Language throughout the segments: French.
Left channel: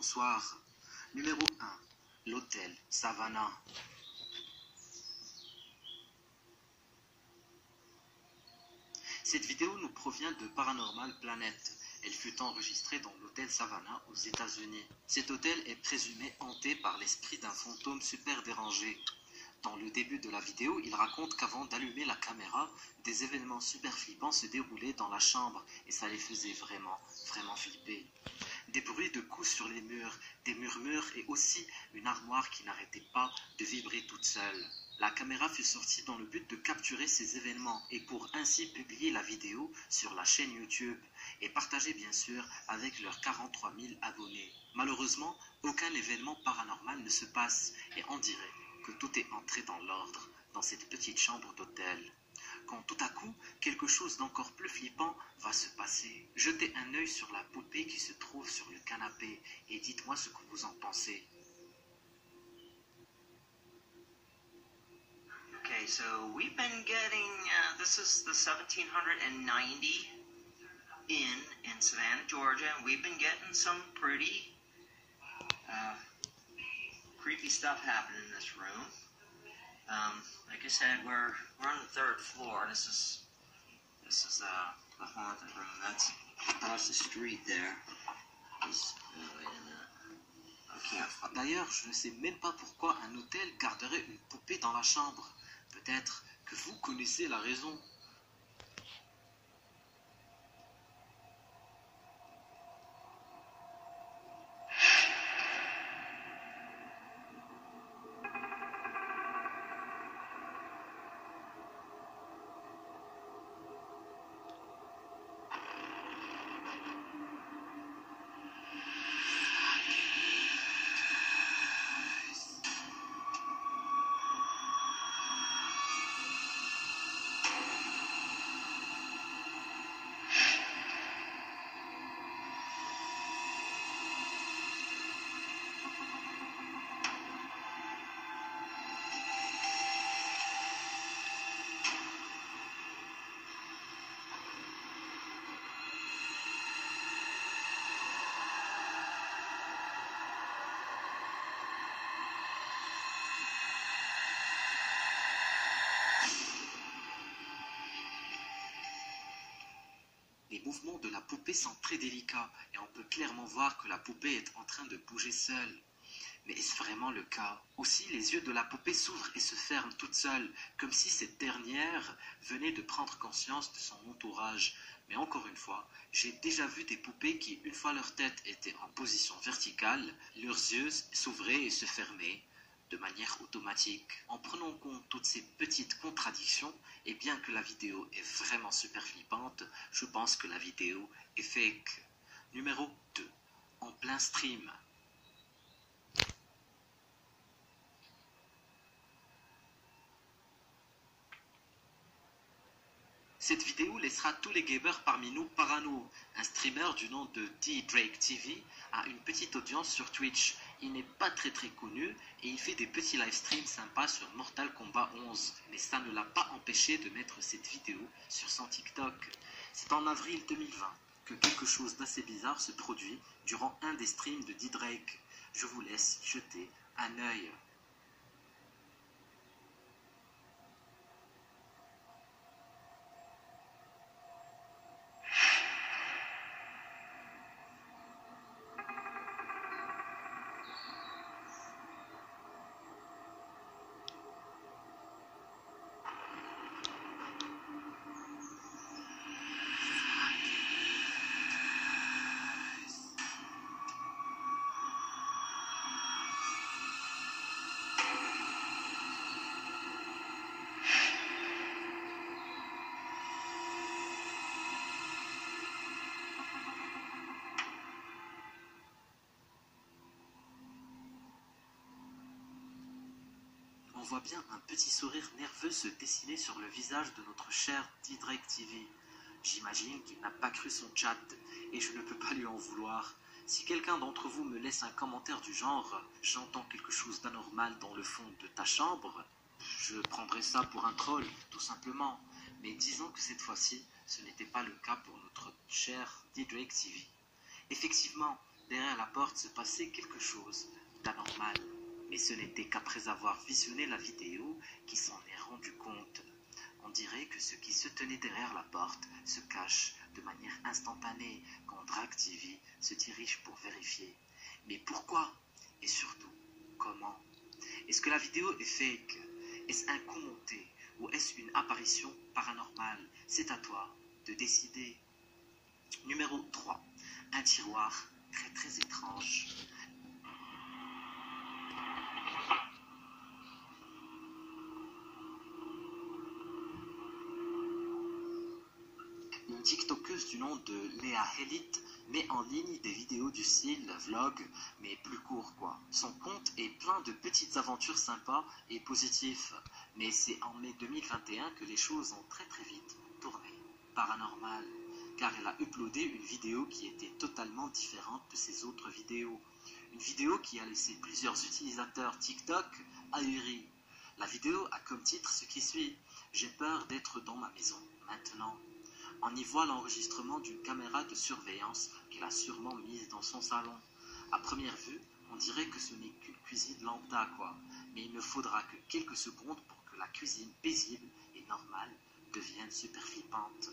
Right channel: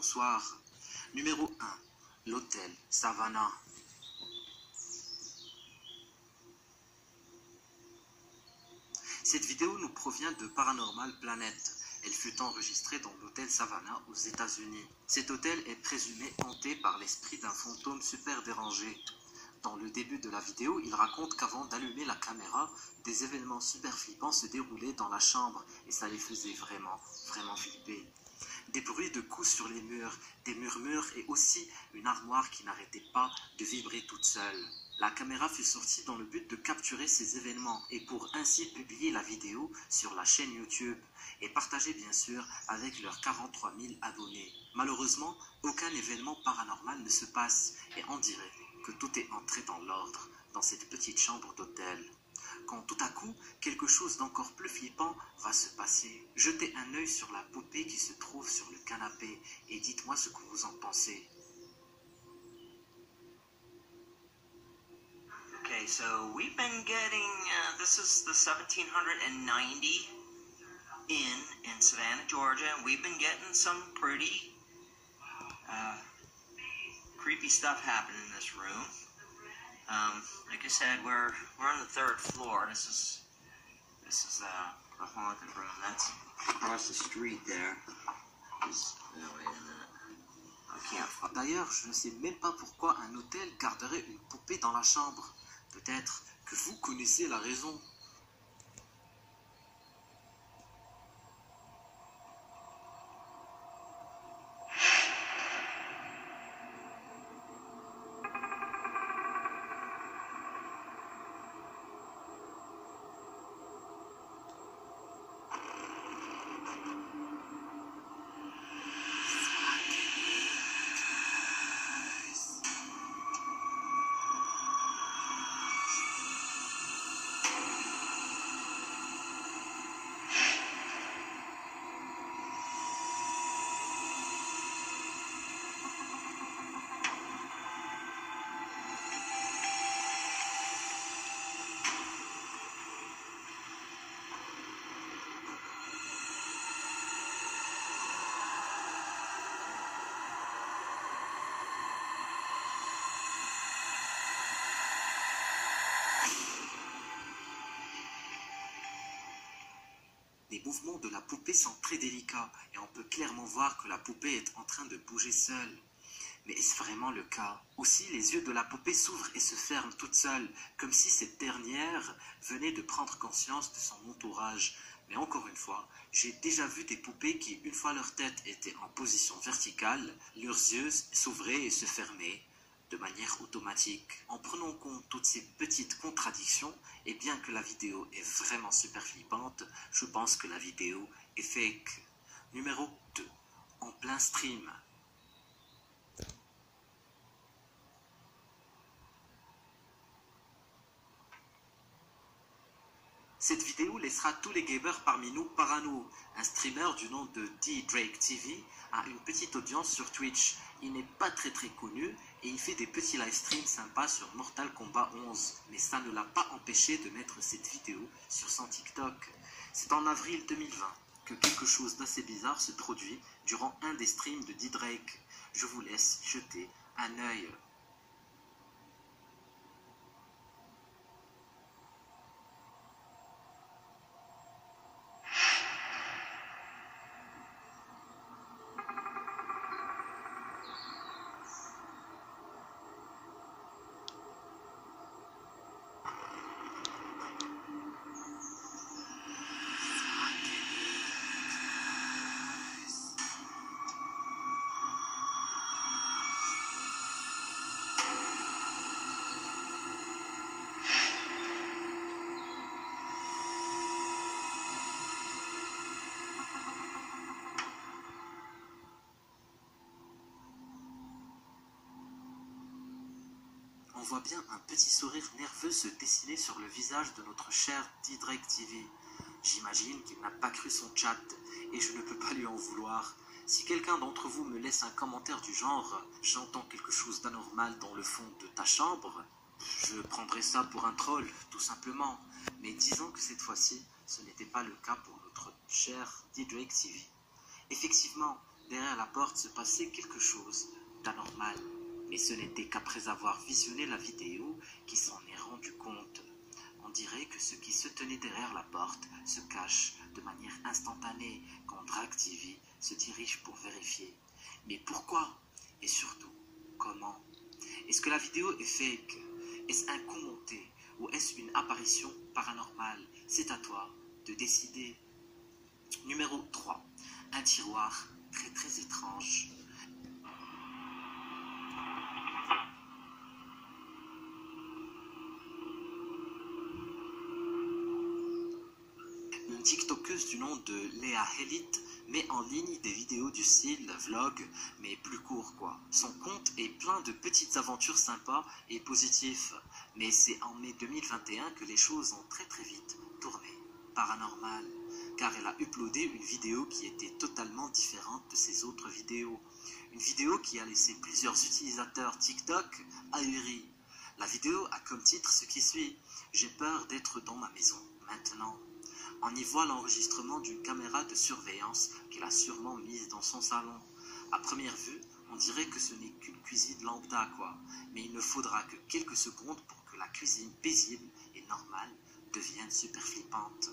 bonsoir. Numéro 1. L'hôtel Savannah. Cette vidéo nous provient de Paranormal Planet. Elle fut enregistrée dans l'hôtel Savannah aux États-Unis. Cet hôtel est présumé hanté par l'esprit d'un fantôme super dérangé. Dans le début de la vidéo, il raconte qu'avant d'allumer la caméra, des événements super flippants se déroulaient dans la chambre et ça les faisait vraiment flipper. Des bruits de coups sur les murs, des murmures et aussi une armoire qui n'arrêtait pas de vibrer toute seule. La caméra fut sortie dans le but de capturer ces événements et pour ainsi publier la vidéo sur la chaîne YouTube et partager bien sûr avec leurs 43 000 abonnés. Malheureusement, aucun événement paranormal ne se passe et on dirait que tout est entré dans l'ordre dans cette petite chambre d'hôtel. Quand tout à coup, quelque chose d'encore plus flippant va se passer. Jetez un œil sur la poupée qui se trouve sur le canapé et dites-moi ce que vous en pensez. Okay, so we've been getting, this is the 1790 in Savannah, Georgia, and we've been getting some pretty creepy stuff happening in this room. Like I said, we're on the 3rd floor. This is the haunted room. That's across the street there. Wait a minute. I can't. D'ailleurs, je ne sais même pas pourquoi un hôtel garderait une poupée dans la chambre. Peut-être que vous connaissez la raison. Les mouvements de la poupée sont très délicats et on peut clairement voir que la poupée est en train de bouger seule. Mais est-ce vraiment le cas? Aussi, les yeux de la poupée s'ouvrent et se ferment toutes seules, comme si cette dernière venait de prendre conscience de son entourage. Mais encore une fois, j'ai déjà vu des poupées qui, une fois leur tête était en position verticale, leurs yeux s'ouvraient et se fermaient de manière automatique. En prenant en compte toutes ces petites contradictions, et bien que la vidéo est vraiment super flippante, je pense que la vidéo est fake. Numéro 2. En plein stream. Cette vidéo laissera tous les gamers parmi nous parano. Un streamer du nom de D-Drake TV a une petite audience sur Twitch. Il n'est pas très connu et il fait des petits live streams sympas sur Mortal Kombat 11. Mais ça ne l'a pas empêché de mettre cette vidéo sur son TikTok. C'est en avril 2020 que quelque chose d'assez bizarre se produit durant un des streams de D-Drake. Je vous laisse jeter un œil. On voit bien un petit sourire nerveux se dessiner sur le visage de notre cher D-Drake TV. J'imagine qu'il n'a pas cru son chat et je ne peux pas lui en vouloir. Si quelqu'un d'entre vous me laisse un commentaire du genre « J'entends quelque chose d'anormal dans le fond de ta chambre », je prendrai ça pour un troll, tout simplement. Mais disons que cette fois-ci, ce n'était pas le cas pour notre cher D-Drake TV. Effectivement, derrière la porte se passait quelque chose d'anormal. Mais ce n'était qu'après avoir visionné la vidéo qu'il s'en est rendu compte. On dirait que ce qui se tenait derrière la porte se cache de manière instantanée quand Drag TV se dirige pour vérifier. Mais pourquoi? Et surtout, comment? Est-ce que la vidéo est fake? Est-ce un coup monté? Ou est-ce une apparition paranormale? C'est à toi de décider. Numéro 3. Un tiroir très très étrange. Une TikTokeuse du nom de Léa Helit met en ligne des vidéos du style vlog, mais plus court quoi. Son compte est plein de petites aventures sympas et positives, mais c'est en mai 2021 que les choses ont très très vite tourné paranormal, car elle a uploadé une vidéo qui était totalement différente de ses autres vidéos. Une vidéo qui a laissé plusieurs utilisateurs TikTok ahuris. La vidéo a comme titre ce qui suit: j'ai peur d'être dans ma maison maintenant. On y voit l'enregistrement d'une caméra de surveillance qu'il a sûrement mise dans son salon. À première vue, on dirait que ce n'est qu'une cuisine lambda quoi, mais il ne faudra que quelques secondes pour que la cuisine paisible et normale devienne super flippante.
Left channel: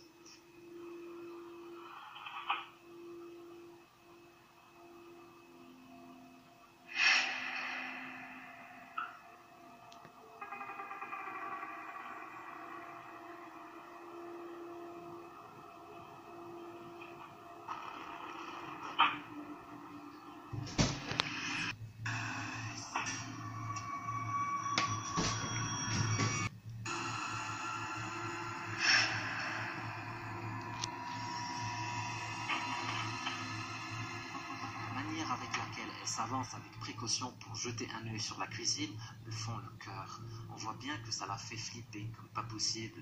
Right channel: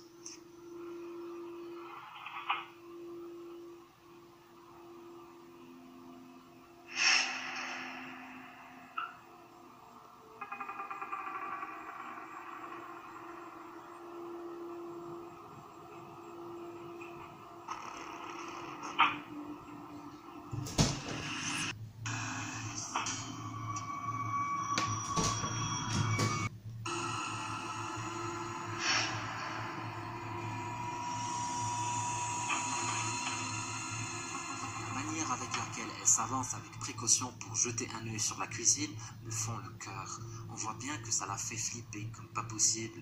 La manière avec laquelle elle s'avance avec précaution pour jeter un œil sur la cuisine me fend le cœur. On voit bien que ça l'a fait flipper comme pas possible.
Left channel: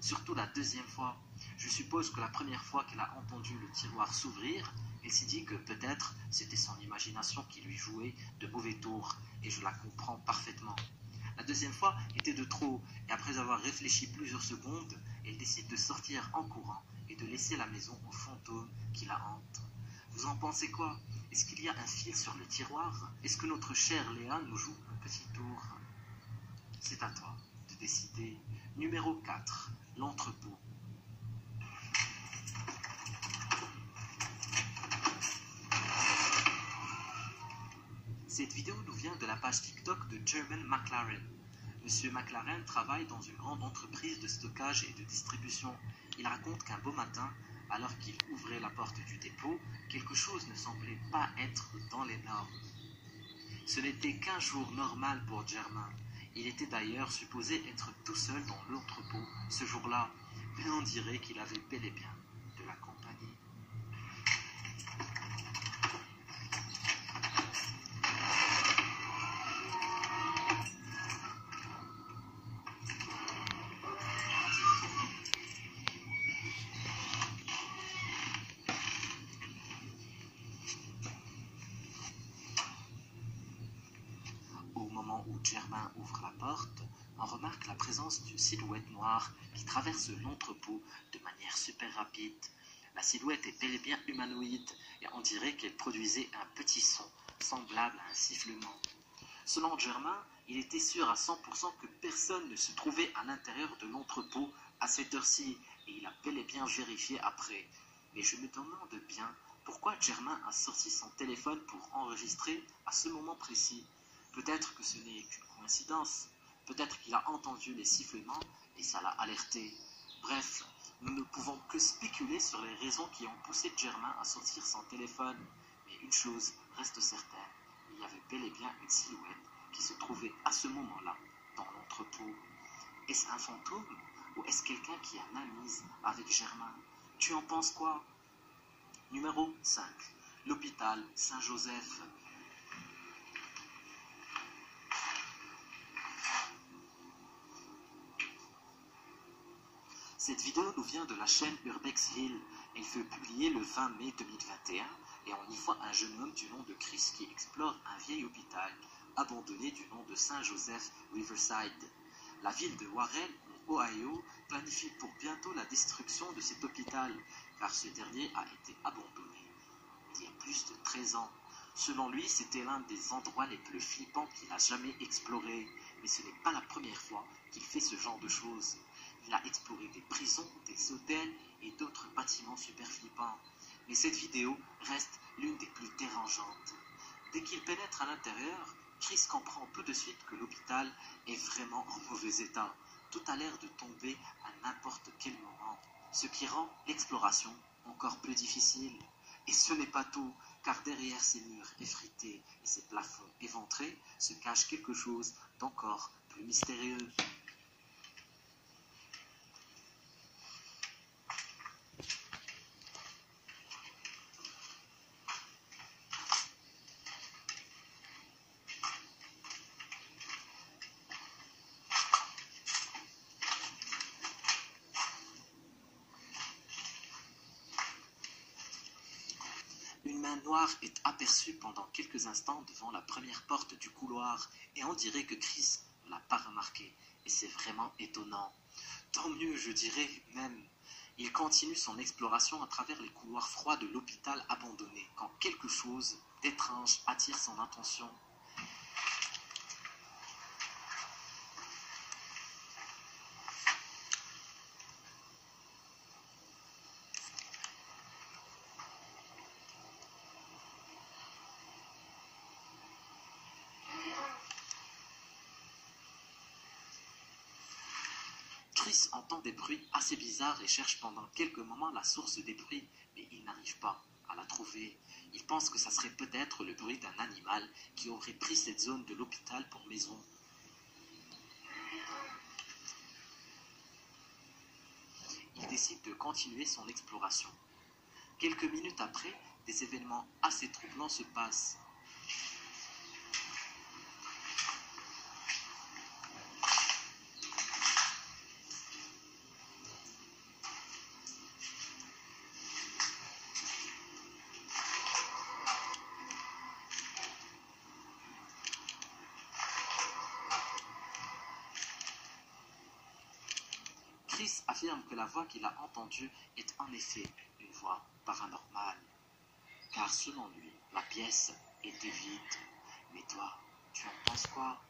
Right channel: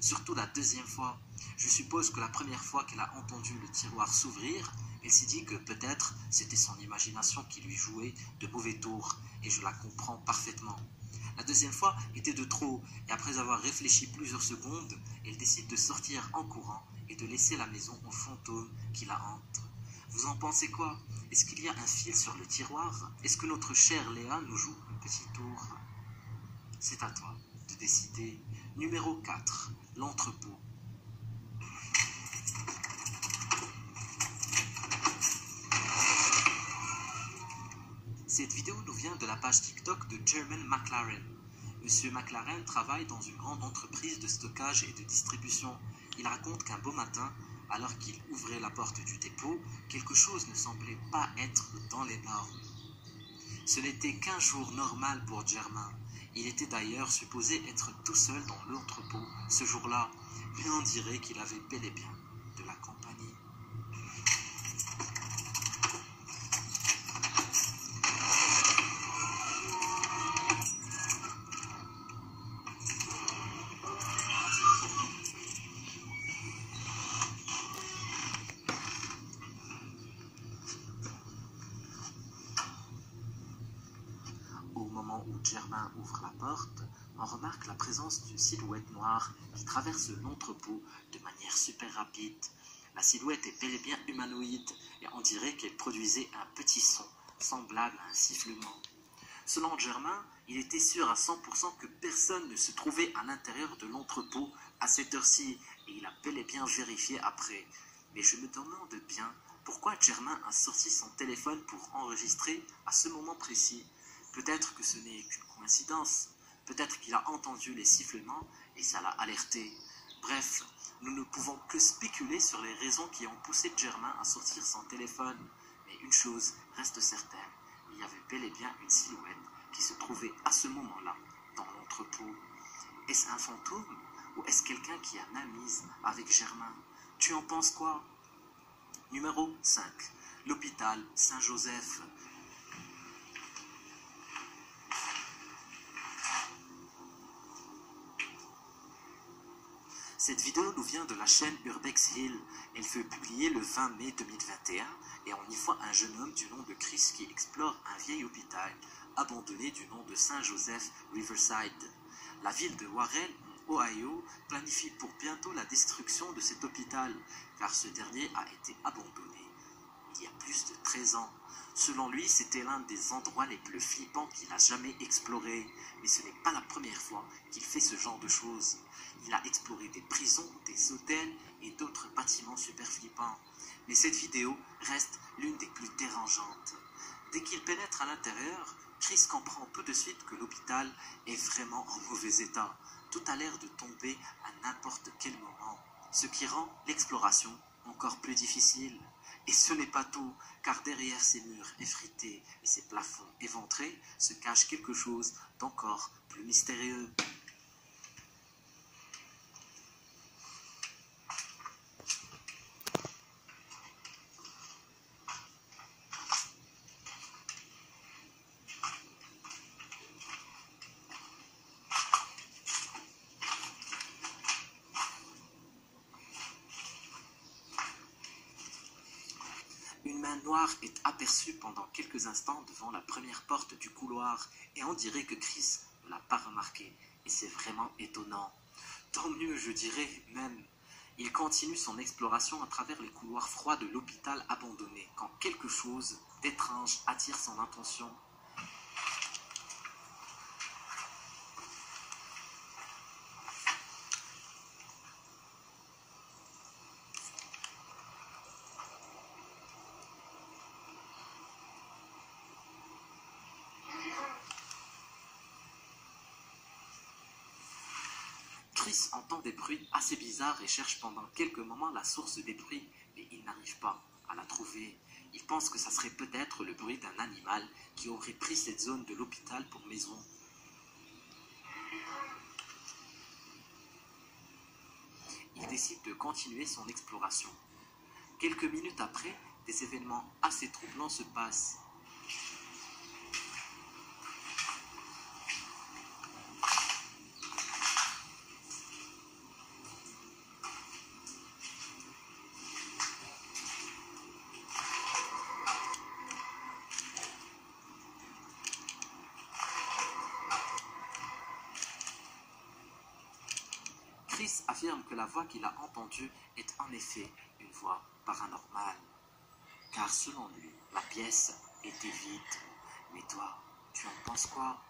Surtout la deuxième fois. Je suppose que la première fois qu'elle a entendu le tiroir s'ouvrir, elle s'est dit que peut-être c'était son imagination qui lui jouait de mauvais tours, et je la comprends parfaitement. La deuxième fois était de trop, et après avoir réfléchi plusieurs secondes, elle décide de sortir en courant et de laisser la maison aux fantômes qui la hantent. Vous en pensez quoi? Est-ce qu'il y a un fil sur le tiroir? Est-ce que notre chère Léa nous joue un petit tour? C'est à toi de décider. Numéro 4. L'entrepôt. Cette vidéo nous vient de la page TikTok de German McLaren. Monsieur McLaren travaille dans une grande entreprise de stockage et de distribution. Il raconte qu'un beau matin, alors qu'il ouvrait la porte du dépôt, quelque chose ne semblait pas être dans les normes. Ce n'était qu'un jour normal pour Germain. Il était d'ailleurs supposé être tout seul dans l'entrepôt ce jour-là, mais on dirait qu'il avait bel et bien de la compagnie. Au moment où Germain ouvre la porte, on remarque la présence d'une silhouette noire qui traverse l'entrepôt de manière super rapide. La silhouette est bel et bien humanoïde et on dirait qu'elle produisait un petit son semblable à un sifflement. Selon Germain, il était sûr à 100% que personne ne se trouvait à l'intérieur de l'entrepôt à cette heure-ci et il a bel et bien vérifié après. Mais je me demande bien pourquoi Germain a sorti son téléphone pour enregistrer à ce moment précis. Peut-être que ce n'est qu'une coïncidence. Peut-être qu'il a entendu les sifflements et ça l'a alerté. Bref, nous ne pouvons que spéculer sur les raisons qui ont poussé Germain à sortir son téléphone. Mais une chose reste certaine, il y avait bel et bien une silhouette qui se trouvait à ce moment-là dans l'entrepôt. Est-ce un fantôme ou est-ce quelqu'un qui a main mise avec Germain? Tu en penses quoi? Numéro 5. L'hôpital Saint-Joseph. Cette vidéo nous vient de la chaîne Urbex Hill. Elle fut publiée le 20 mai 2021 et on y voit un jeune homme du nom de Chris qui explore un vieil hôpital abandonné du nom de Saint-Joseph Riverside. La ville de Warren, en Ohio, planifie pour bientôt la destruction de cet hôpital car ce dernier a été abandonné il y a plus de 13 ans. Selon lui, c'était l'un des endroits les plus flippants qu'il a jamais exploré. Mais ce n'est pas la première fois qu'il fait ce genre de choses. Il a exploré des prisons, des hôtels et d'autres bâtiments super flippants. Mais cette vidéo reste l'une des plus dérangeantes. Dès qu'il pénètre à l'intérieur, Chris comprend tout de suite que l'hôpital est vraiment en mauvais état. Tout a l'air de tomber à n'importe quel moment, ce qui rend l'exploration encore plus difficile. Et ce n'est pas tout, car derrière ces murs effrités et ces plafonds éventrés se cache quelque chose d'encore plus mystérieux. Une main noire est aperçue pendant quelques instants devant la première porte du couloir et on dirait que Chris ne l'a pas remarqué. Et c'est vraiment étonnant. Tant mieux, je dirais même. Il continue son exploration à travers les couloirs froids de l'hôpital abandonné quand quelque chose d'étrange attire son attention. Chris entend des bruits assez bizarres et cherche pendant quelques moments la source des bruits, mais il n'arrive pas à la trouver. Il pense que ça serait peut-être le bruit d'un animal qui aurait pris cette zone de l'hôpital pour maison. Il décide de continuer son exploration. Quelques minutes après, des événements assez troublants se passent. Chris affirme que la voix qu'il a entendue est en effet une voix paranormale. Car selon lui, la pièce était vide. Mais toi, tu en penses quoi ?